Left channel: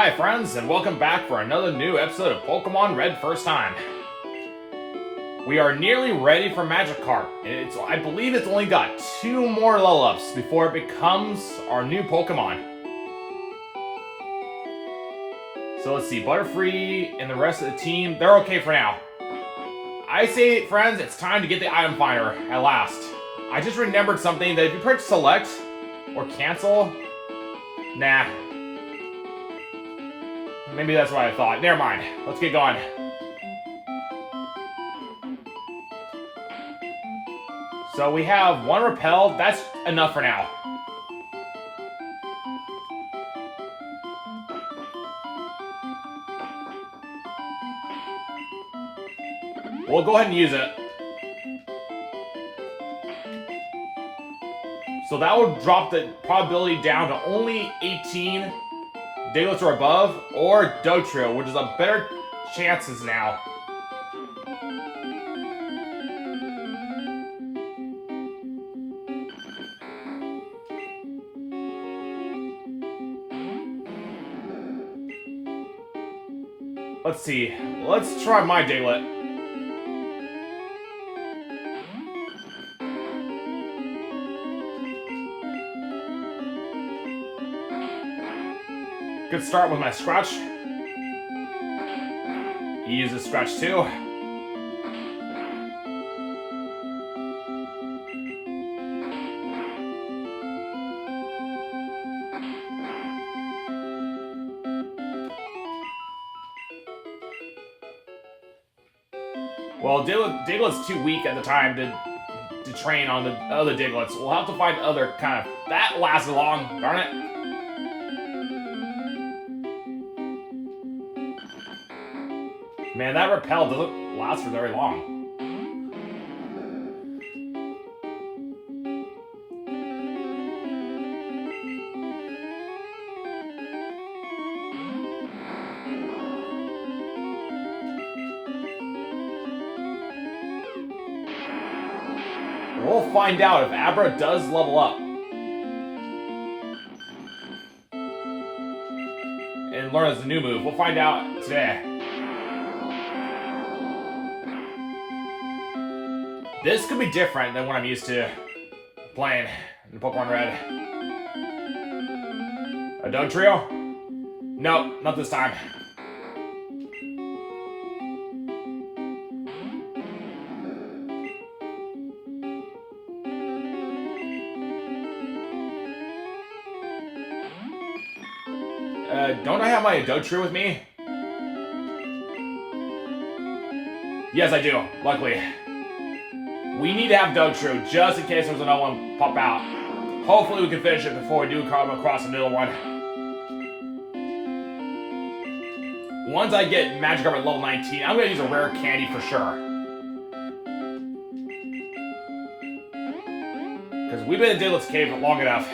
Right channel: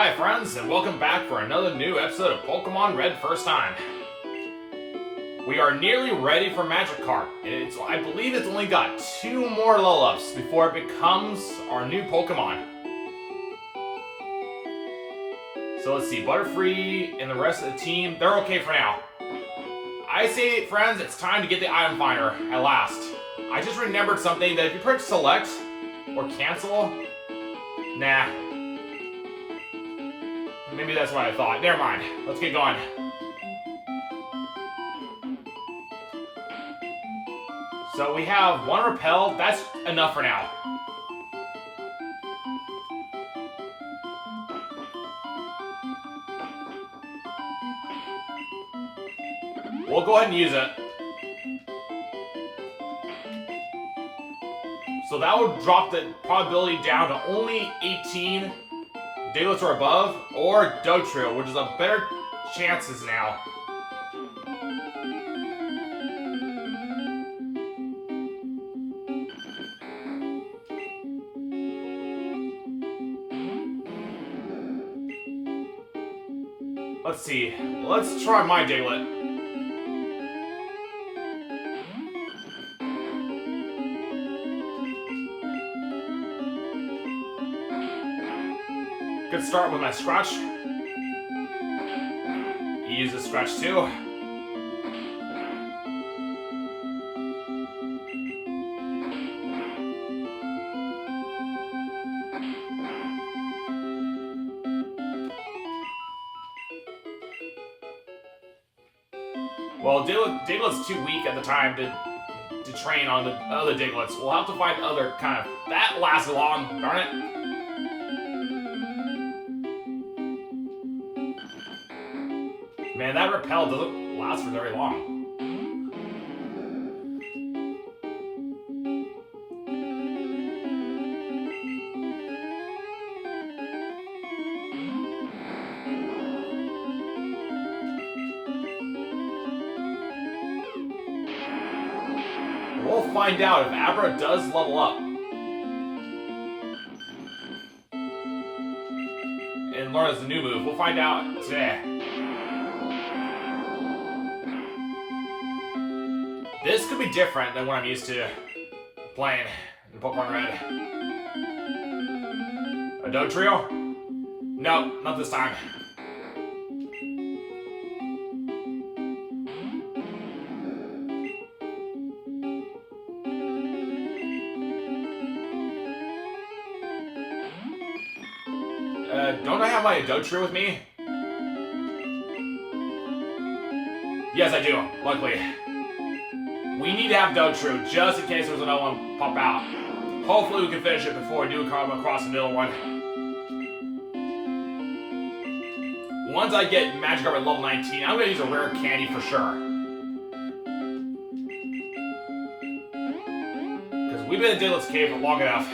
Hi friends, and welcome back for another new episode of Pokemon Red First Time. We are nearly ready for Magikarp, and I believe it's only got 2 more level-ups before it becomes our new Pokemon. So let's see, Butterfree and the rest of the team, they're okay for now. I say, friends, it's time to get the item finder at last. I just remembered something that if you press select or cancel, nah. Maybe that's what I thought. Never mind. Let's get going. So we have 1 repel. That's enough for now. We'll go ahead and use it. So that will drop the probability down to only 18 Diglets or above, or Dotrio, which is a better chances now. Let's see. Let's try my Diglett. Good start with my Scratch. He uses Scratch too. Well, Diglett's too weak at the time to train on the other Diglets. We'll have to find other kind of... That lasted long, darn it. Man, that repel doesn't last for very long. We'll find out if Abra does level up. And learn as a new move. We'll find out today. This could be different than what I'm used to playing in Pokemon Red. A Dotrio? Nope, not this time. Don't I have my Dotrio with me? Yes, I do, luckily. We need to have Dotrio just in case there's another one pop out. Hopefully we can finish it before we do come across another one. Once I get Magikarp at level 19, I'm going to use a rare candy for sure. Because we've been in Diglett's cave for long enough.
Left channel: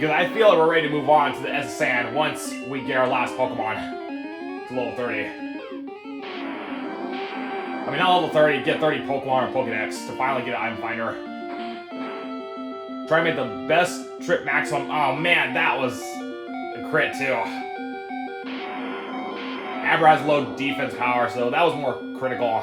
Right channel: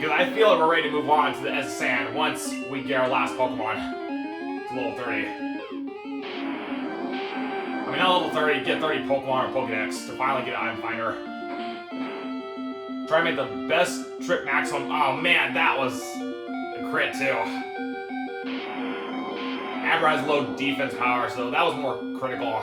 Because I feel like we're ready to move on to the S-Sand once we get our last Pokemon to level 30. I mean, not level 30, get 30 Pokemon or Pokedex to finally get an item finder. Try to make the best trip maximum. Oh man, that was a crit too. Abra has low defense power, so that was more critical.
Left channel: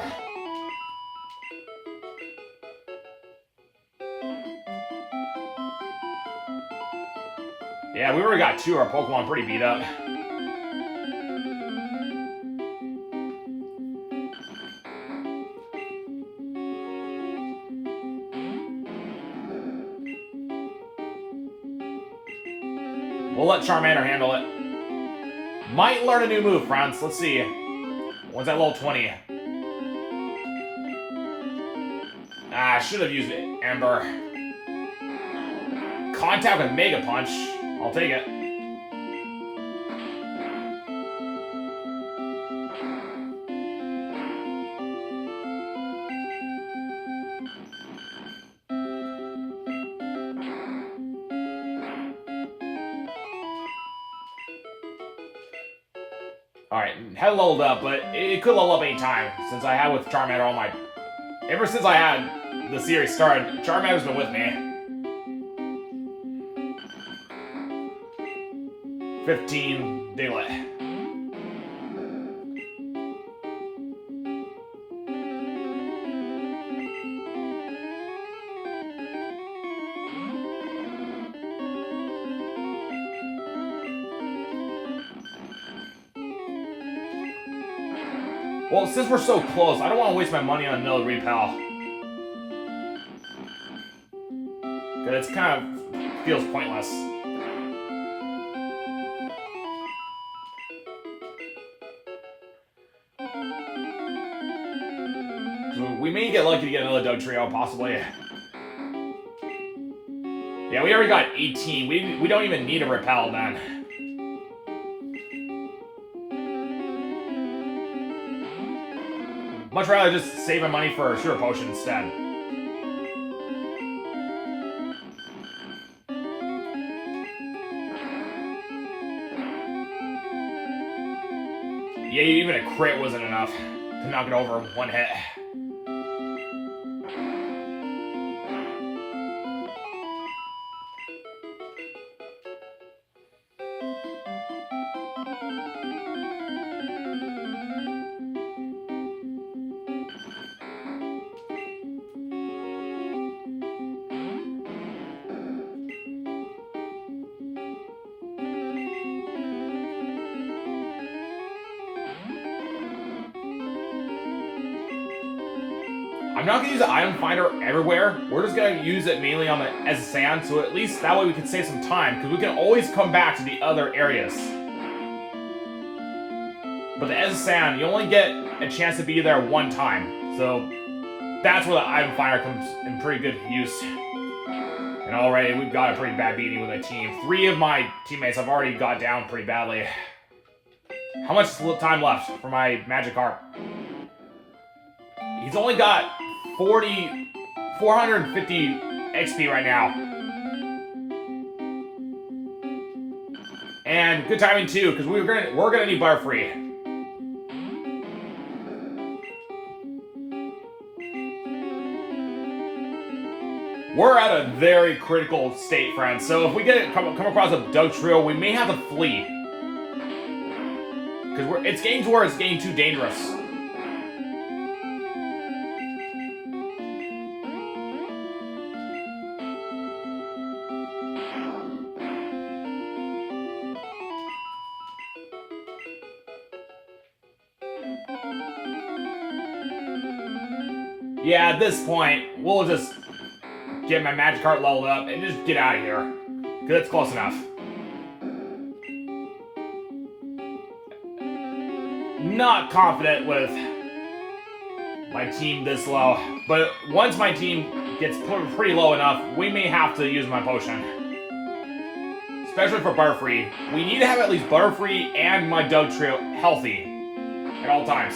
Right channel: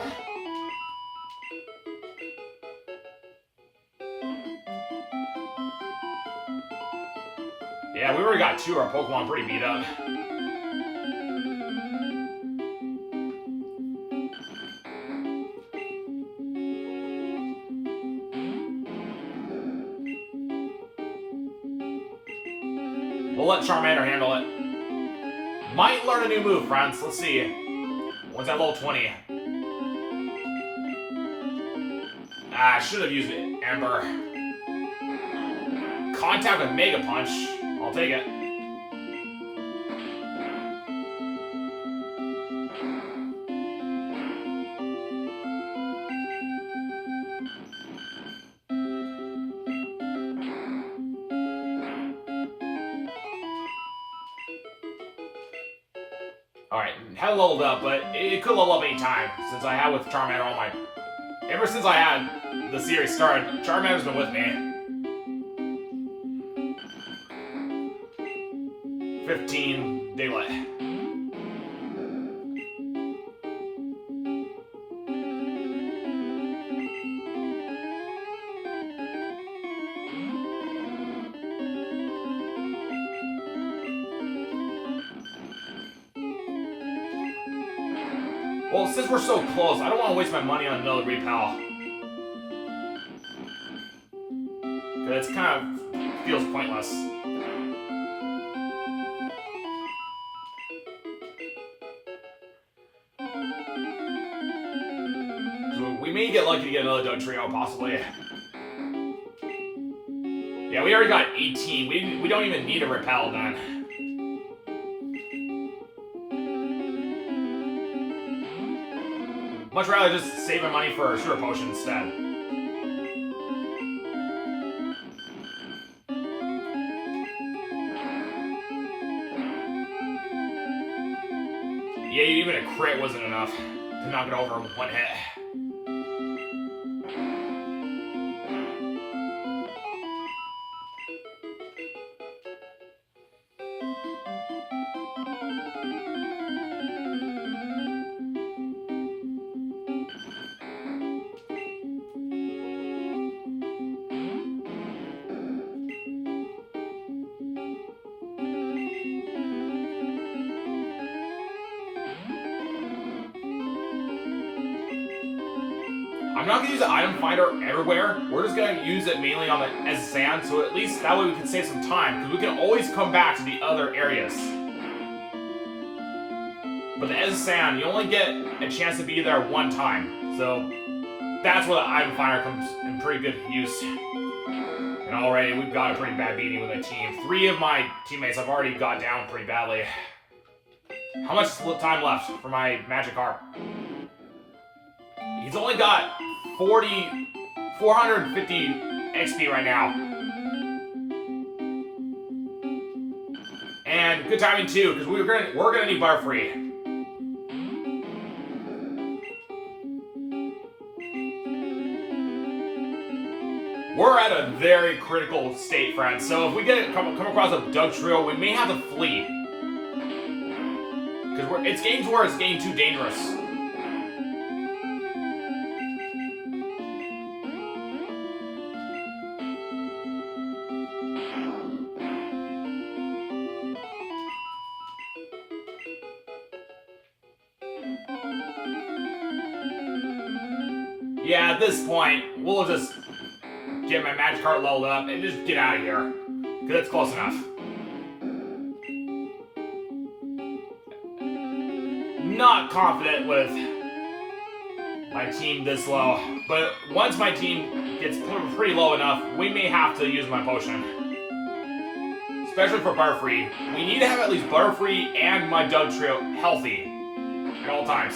Yeah, we already got 2 of our Pokemon pretty beat up. We'll let Charmander handle it. Might learn a new move, friends. Let's see. What's that level 20? I should have used it. Ember. Contact with Mega Punch. I'll take it. Alright, haven't leveled up, but it could level up any time, since I have with Charmander all my... Ever since I had the series started, Charmander's been with me. 15 Diglett. Well, since we're so close, I don't want to waste my money on another repel. Because it kind of feels pointless. So we may get lucky to get another Dug Trio, possibly. Yeah, we already got 18. We don't even need a repel then. Much rather just save my money for a Sugar Potion instead. Yeah, even a crit wasn't enough to knock it over in one hit. I'm not going to use the item finder everywhere. We're just going to use it mainly on the as sand, so at least that way we can save some time, because we can always come back to the other areas. But the as sand, you only get a chance to be there one time, so that's where the item finder comes in pretty good use. And already we've got a pretty bad beating with the team. 3 of my teammates have already got down pretty badly. How much time left for my Magikarp? He's only got 450 XP right now. And good timing too, because we're gonna need Butterfree. We're at a very critical state, friends. So if we come across a Dug Trio, we may have to flee. Because it's getting to where it's getting too dangerous. Yeah, at this point, we'll just get my Magikarp leveled up and just get out of here. Because it's close enough. Not confident with my team this low. But once my team gets pretty low enough, we may have to use my potion. Especially for Butterfree. We need to have at least Butterfree and my Dug Trio healthy at all times.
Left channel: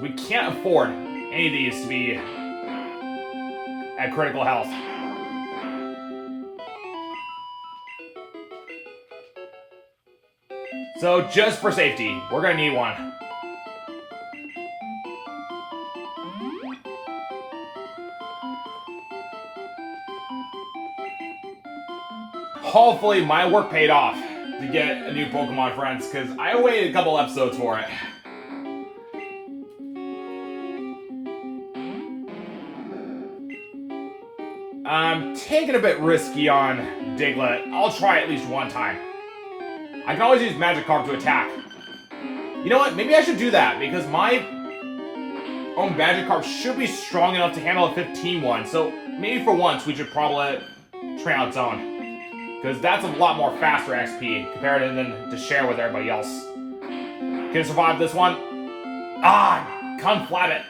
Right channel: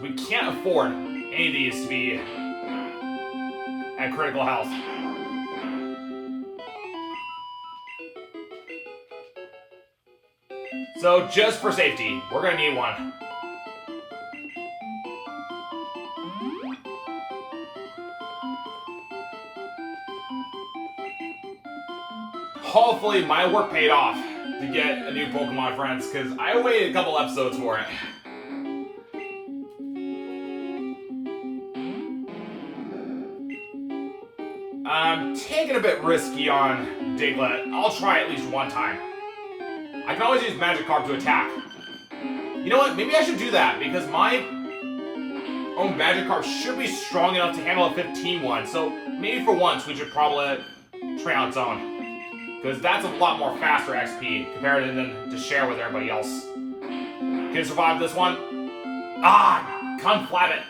We can't afford any of these to be at critical health. So just for safety, we're gonna need one. Hopefully my work paid off to get a new Pokemon, friends, because I waited a couple episodes for it. I'm taking a bit risky on Diglett. I'll try at least one time. I can always use Magikarp to attack. You know what? Maybe I should do that, because my own Magikarp should be strong enough to handle a 15 one. So maybe for once we should probably train on its own. Because that's a lot more faster XP compared to share with everybody else. Can it survive this one? Ah! Come flat it.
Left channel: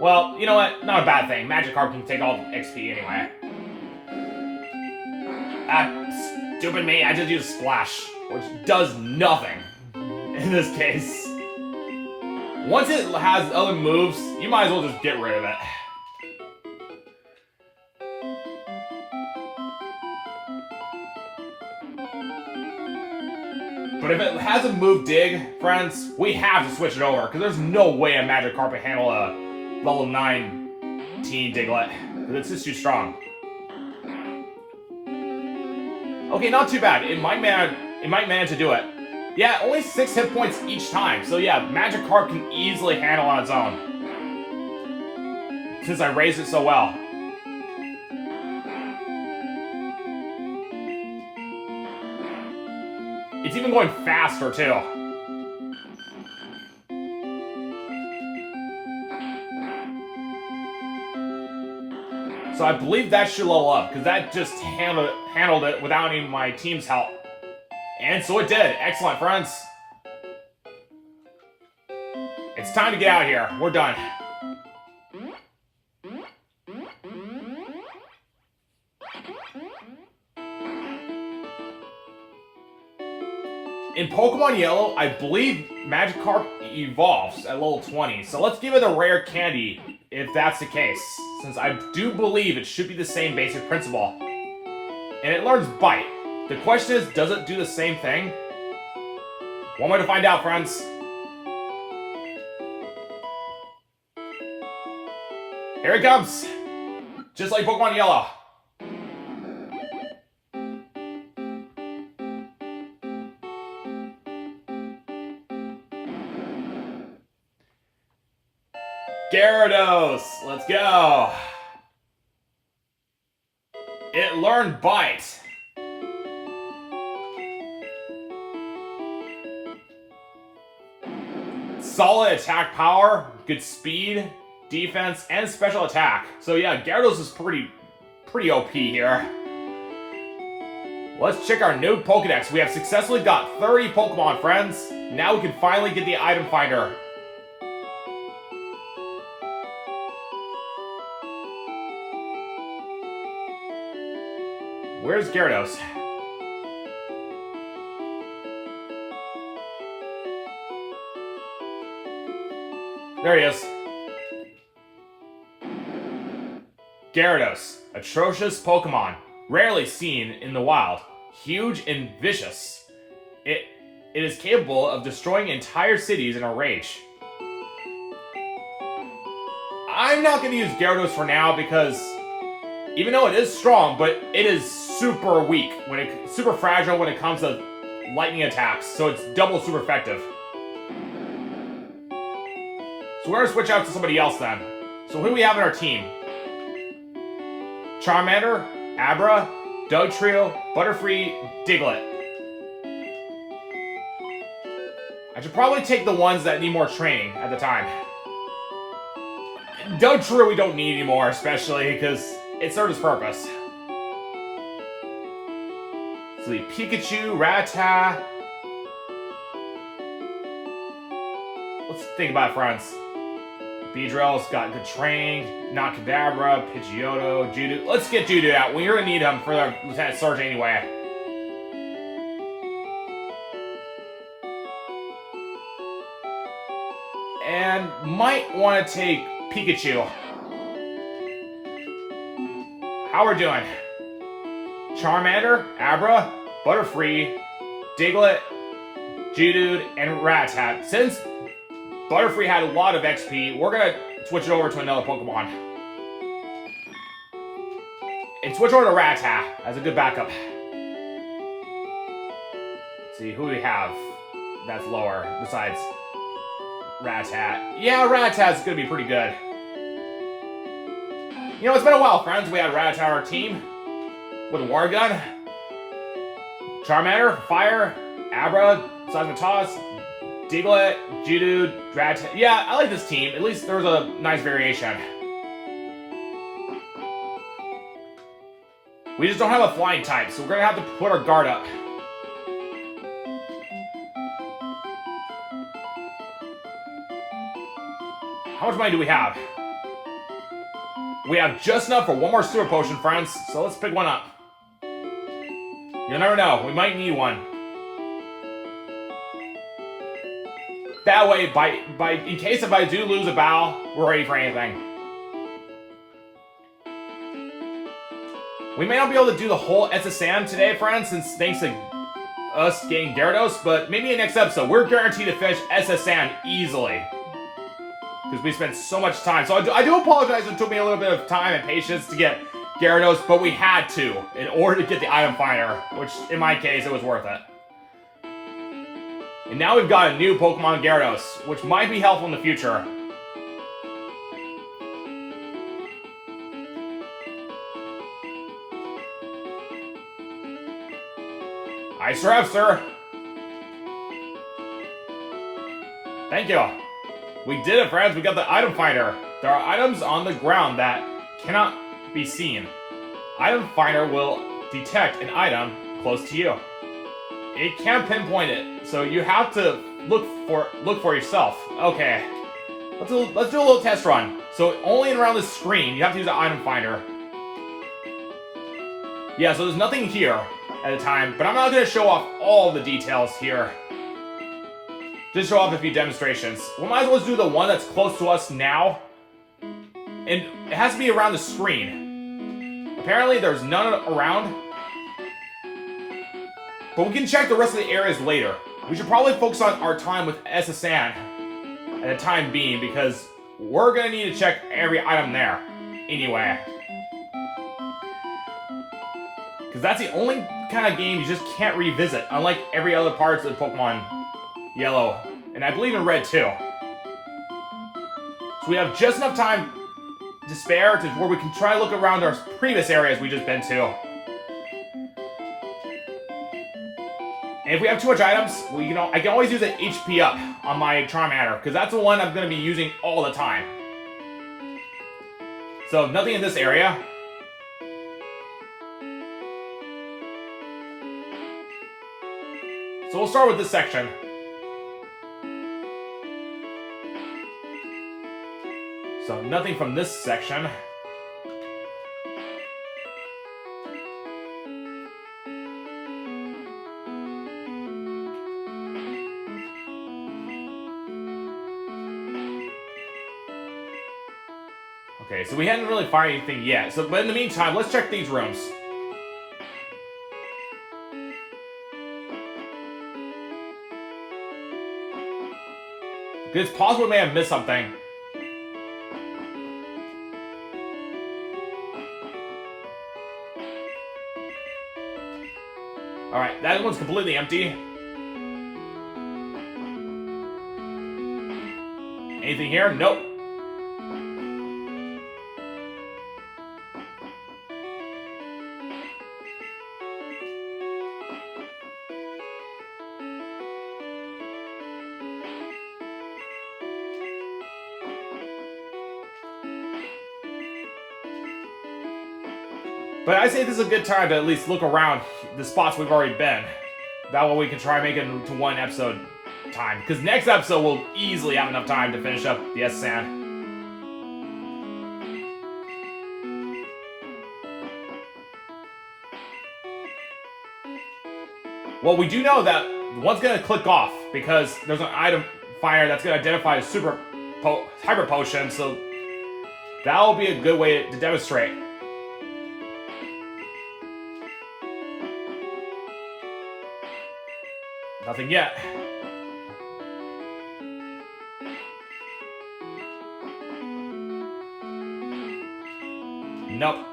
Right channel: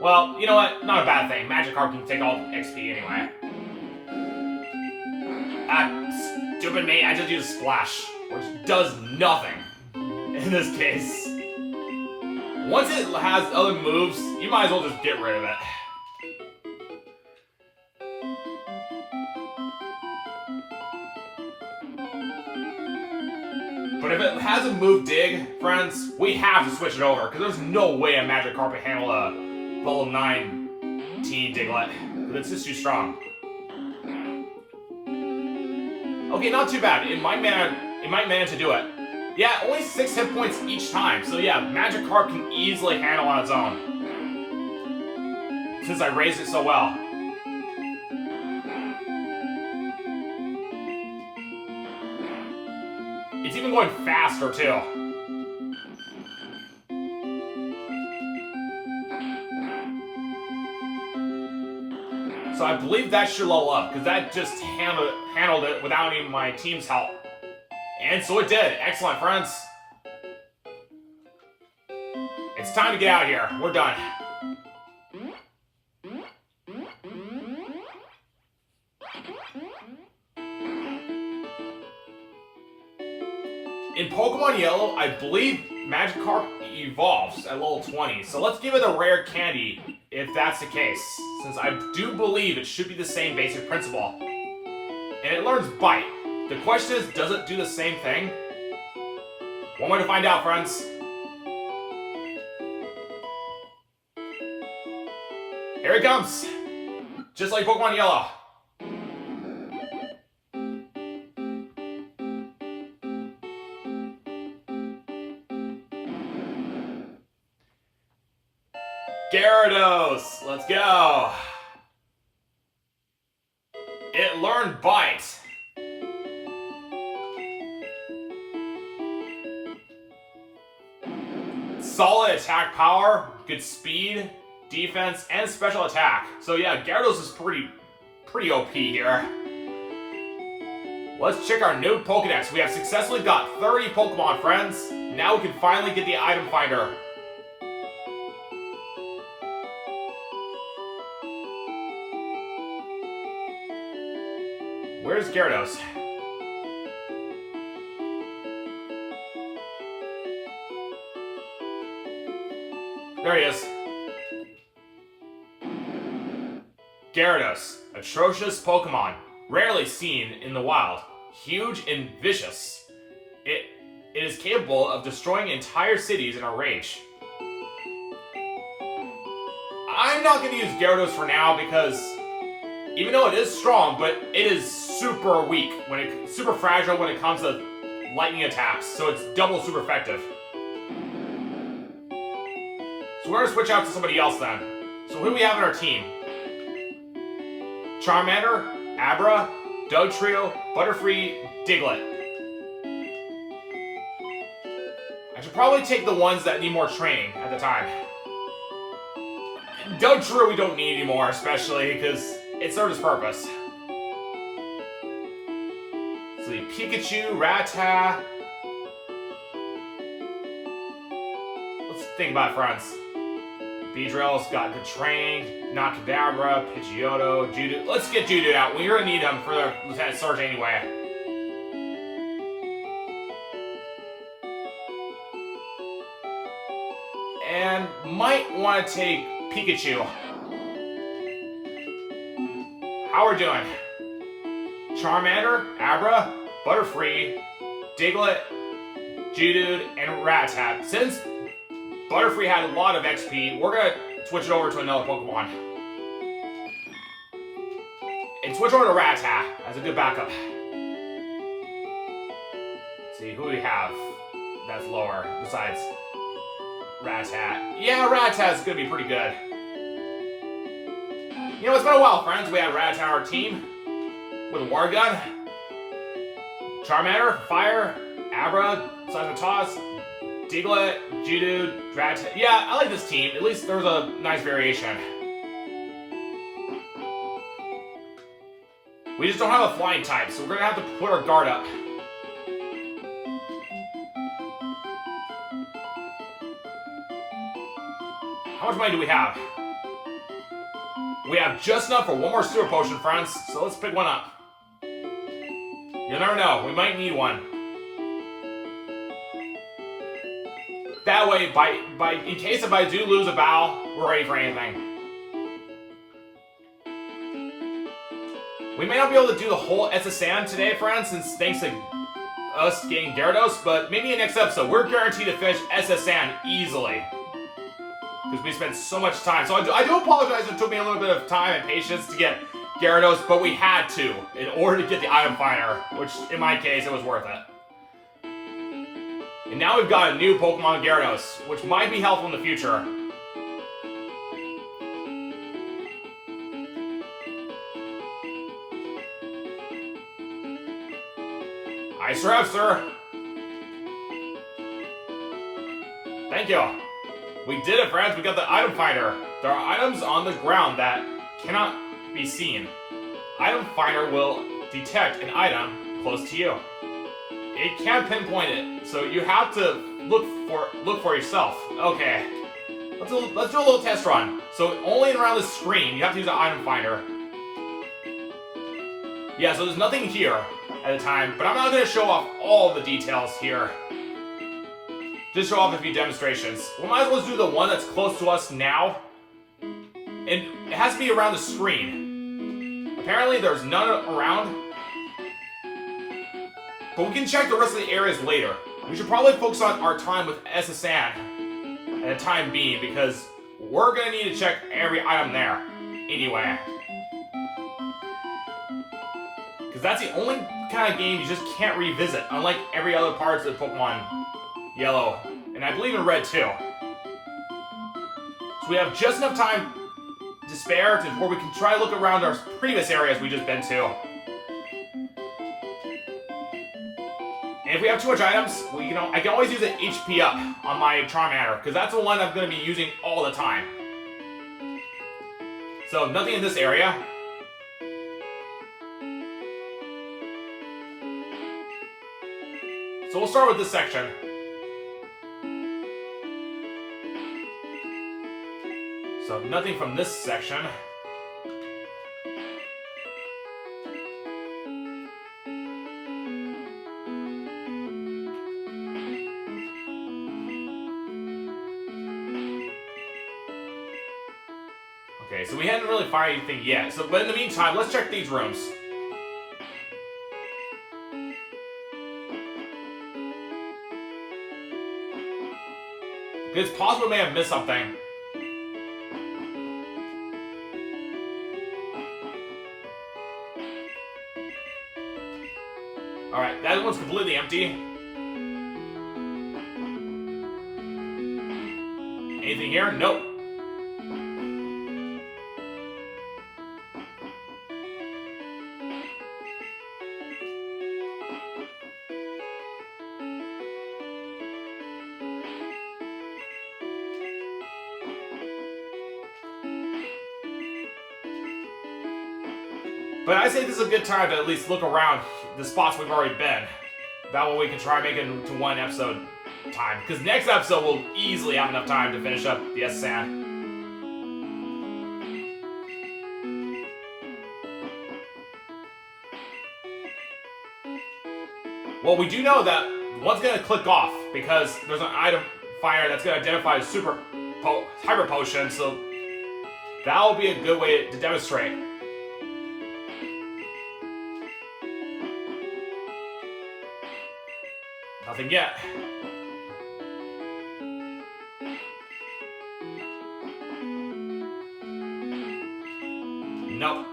Well, you know what? Not a bad thing. Magikarp can take all the XP anyway. Stupid me, I just used Splash, which does nothing in this case. Once it has other moves, you might as well just get rid of it. But if it has a move dig, friends, we have to switch it over, because there's no way a Magikarp can handle a level 19 Diglett. It's just too strong. Okay, not too bad. It might manage to do it. Yeah, only 6 hit points each time. So yeah, Magikarp can easily handle on its own. Since I raised it so well. It's even going faster, too. So I believe that should level up, because that just handled it without any of my team's help. And so it did. Excellent, friends. It's time to get out of here. We're done. In Pokemon Yellow, I believe Magikarp evolves at level 20, so let's give it a rare candy if that's the case, since I do believe it should be the same basic principle. And it learns Bite. The question is, does it do the same thing? One way to find out, friends. Here it comes! Just like Pokemon Yellow. Gyarados! Let's go! It learned Bite. Solid attack power, good speed, defense, and special attack. So yeah, Gyarados is pretty OP here. Let's check our new Pokedex. We have successfully got 30 Pokemon, friends. Now we can finally get the item finder. Where's Gyarados? There he is. Gyarados, atrocious Pokemon, rarely seen in the wild, huge and vicious. It is capable of destroying entire cities in a rage. I'm not going to use Gyarados for now because even though it is strong, but it is super weak, super fragile when it comes to lightning attacks, so it's double super effective. So we're going to switch out to somebody else then. So who do we have on our team? Charmander, Abra, Dugtrio, Butterfree, Diglett. I should probably take the ones that need more training at the time. Dugtrio we don't need anymore, especially because it served its purpose. So the Pikachu, Rattata. Let's think about it, friends. Beedrill's got good training, Nakadabra, Pidgeotto, Judo. Let's get Judo out. We're gonna need him for the Lieutenant Sergeant anyway. And might want to take Pikachu. How are we doing? Charmander, Abra, Butterfree, Diglett, Geodude, and Rattata. Since Butterfree had a lot of XP, we're gonna switch it over to another Pokemon. And switch over to Rattata as a good backup. Let's see, who do we have that's lower besides Rattata? Yeah, Rattata's gonna be pretty good. You know, it's been a while, friends. We had Rattata on our team with a War Gun, Charmander, Fire, Abra, Seismitoss, Diglett, Geodude, Rattata. Yeah, I like this team. At least there's a nice variation. We just don't have a flying type, so we're gonna have to put our guard up. How much money do we have? We have just enough for one more Super Potion, friends, so let's pick one up. You'll never know, we might need one. That way, in case if I do lose a battle, we're ready for anything. We may not be able to do the whole SSN today, friends, since thanks to us getting Gyarados, but maybe in the next episode. We're guaranteed to finish SS Sand easily. Because we spent so much time. So I do apologize if it took me a little bit of time and patience to get Gyarados, but we had to in order to get the item finder, which in my case, it was worth it. And now we've got a new Pokemon Gyarados, which might be helpful in the future. Nice rep, sir. Thank you. We did it, friends. We got the item finder. There are items on the ground that cannot be seen. Item finder will detect an item close to you. It can't pinpoint it, so you have to look for yourself. Okay. Let's do a little test run. So only around the screen, you have to use the item finder. Yeah, so there's nothing here at a time, but I'm not going to show off all the details here. Just show off a few demonstrations. We might as well do the one that's close to us now. And it has to be around the screen. Apparently there's none around. But we can check the rest of the areas later. We should probably focus on our time with SSN at the time being, because we're going to need to check every item there anyway. Because that's the only kind of game you just can't revisit, unlike every other parts of Pokemon Yellow, and I believe in Red too. So we have just enough time to spare to where we can try to look around our previous areas we just been to. And if we have too much items, I can always use an HP up on my Charmander, because that's the one I'm going to be using all the time. So nothing in this area. So we'll start with this section. So nothing from this section. Okay, so we hadn't really found anything yet. So, but in the meantime, let's check these rooms. It's possible we may have missed something. Alright, that one's completely empty. Anything here? Nope. But I say this is a good time to at least look around the spots we've already been. That way we can try to make it to one episode time. Because next episode we'll easily have enough time to finish up the S-Sand. Well, we do know that one's going to click off because there's an item fire that's going to identify a hyper potion, so that'll be a good way to demonstrate. Nothing yet. Nope.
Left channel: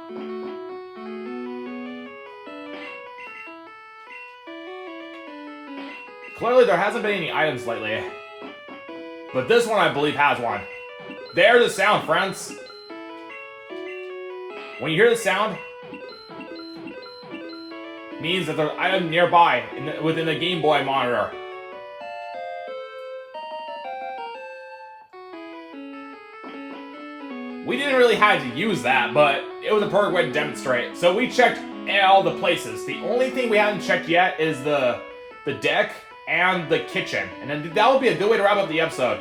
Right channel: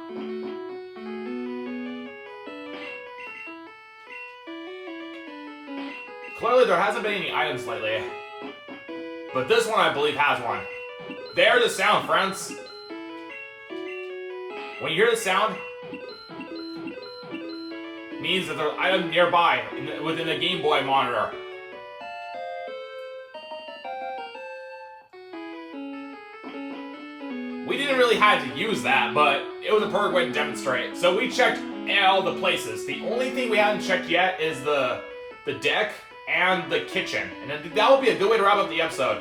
Clearly there hasn't been any items lately. But this one I believe has one. There's the sound, friends. When you hear the sound, means that there's an item nearby within the Game Boy monitor. We didn't really have to use that, but it was a perfect way to demonstrate. So we checked all the places. The only thing we haven't checked yet is the deck and the kitchen. And then that will be a good way to wrap up the episode.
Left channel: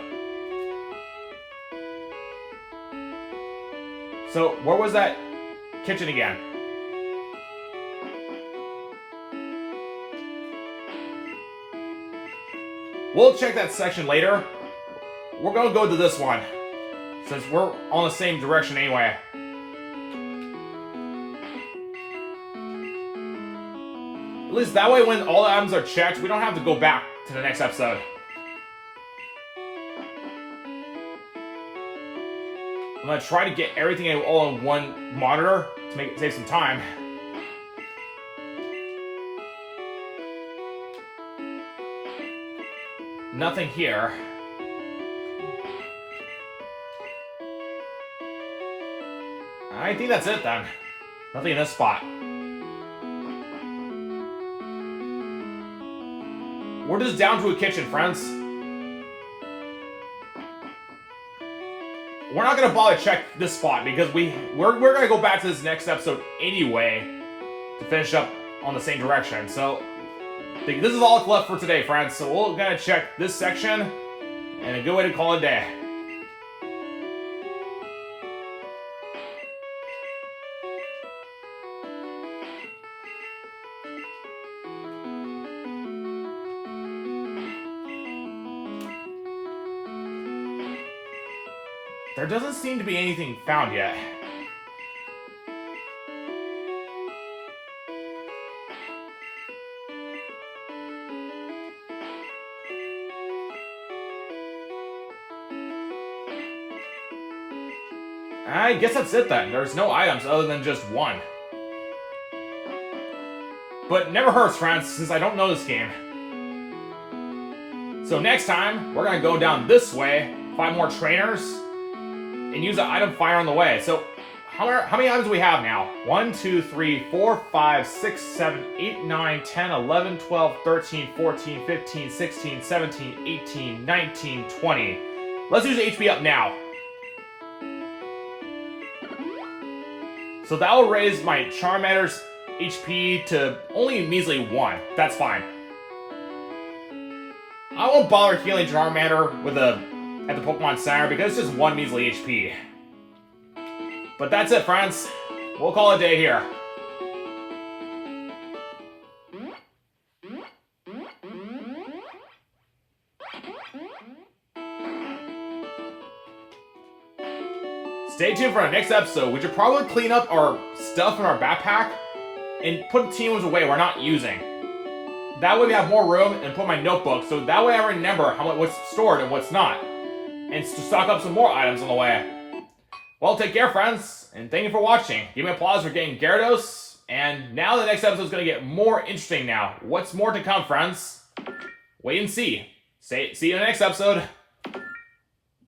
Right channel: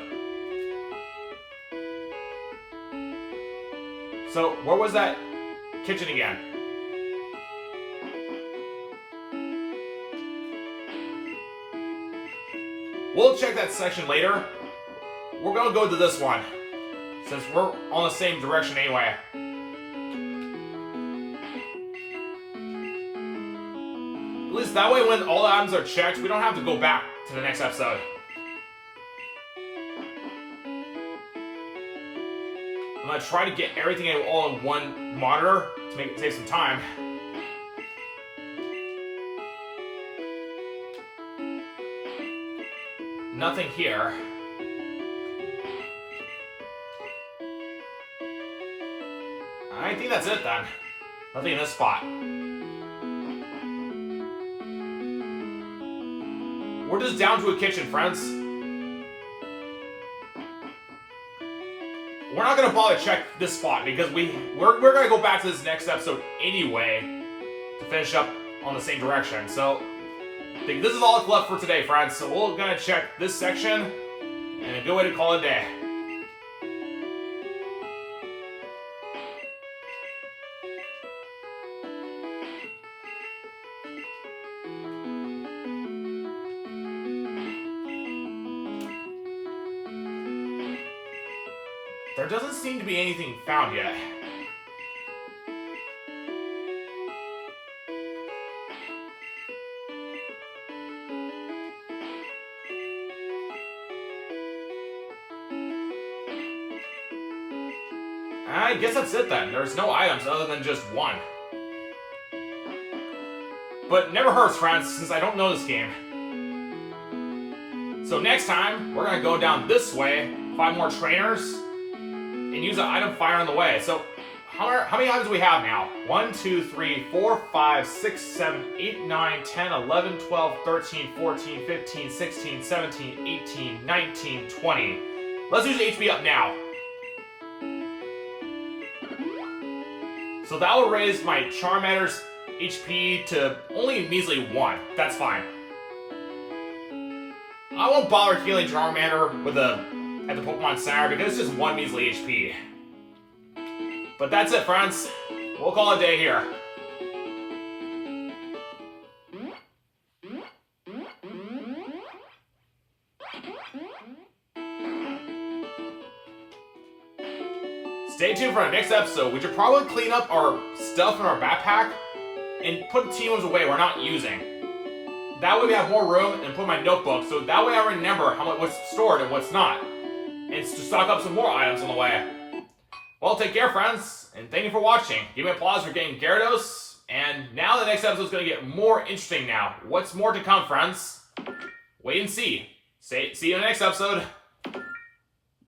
So where was that kitchen again? We'll check that section later. We're gonna go to this one, since we're on the same direction anyway. At least that way when all the items are checked, we don't have to go back to the next episode. I'm gonna try to get everything all on one monitor to save some time. Nothing here. I think that's it then. Nothing in this spot. We're just down to a kitchen, friends. We're not gonna bother check this spot because we're gonna go back to this next episode anyway to finish up on the same direction. So I think this is all that's left for today, friends. So we're gonna check this section and a good way to call it a day. There doesn't seem to be anything found yet. I guess that's it then. There's no items other than just one. But never hurts, friends, since I don't know this game. So next time, we're gonna go down this way, find more trainers, and use the item finder on the way. So how many items do we have now? 1, 2, 3, 4, 5, 6, 7, 8, 9, 10, 11, 12, 13, 14, 15, 16, 17, 18, 19, 20. Let's use HP up now. So that will raise my Charmander's HP to only measly 1. That's fine. I won't bother healing Charmander at the Pokemon Center because it's just 1 measly HP. But that's it, friends. We'll call it a day here. Stay tuned for our next episode, which will probably clean up our stuff in our backpack and put teams away we're not using. That way we have more room and put my notebook, so that way I remember what's stored and what's not. And to stock up some more items on the way. Well, take care, friends, and thank you for watching. Give me applause for getting Gyarados, and now the next episode is going to get more interesting now. What's more to come, friends? Wait and see. See you in the next episode.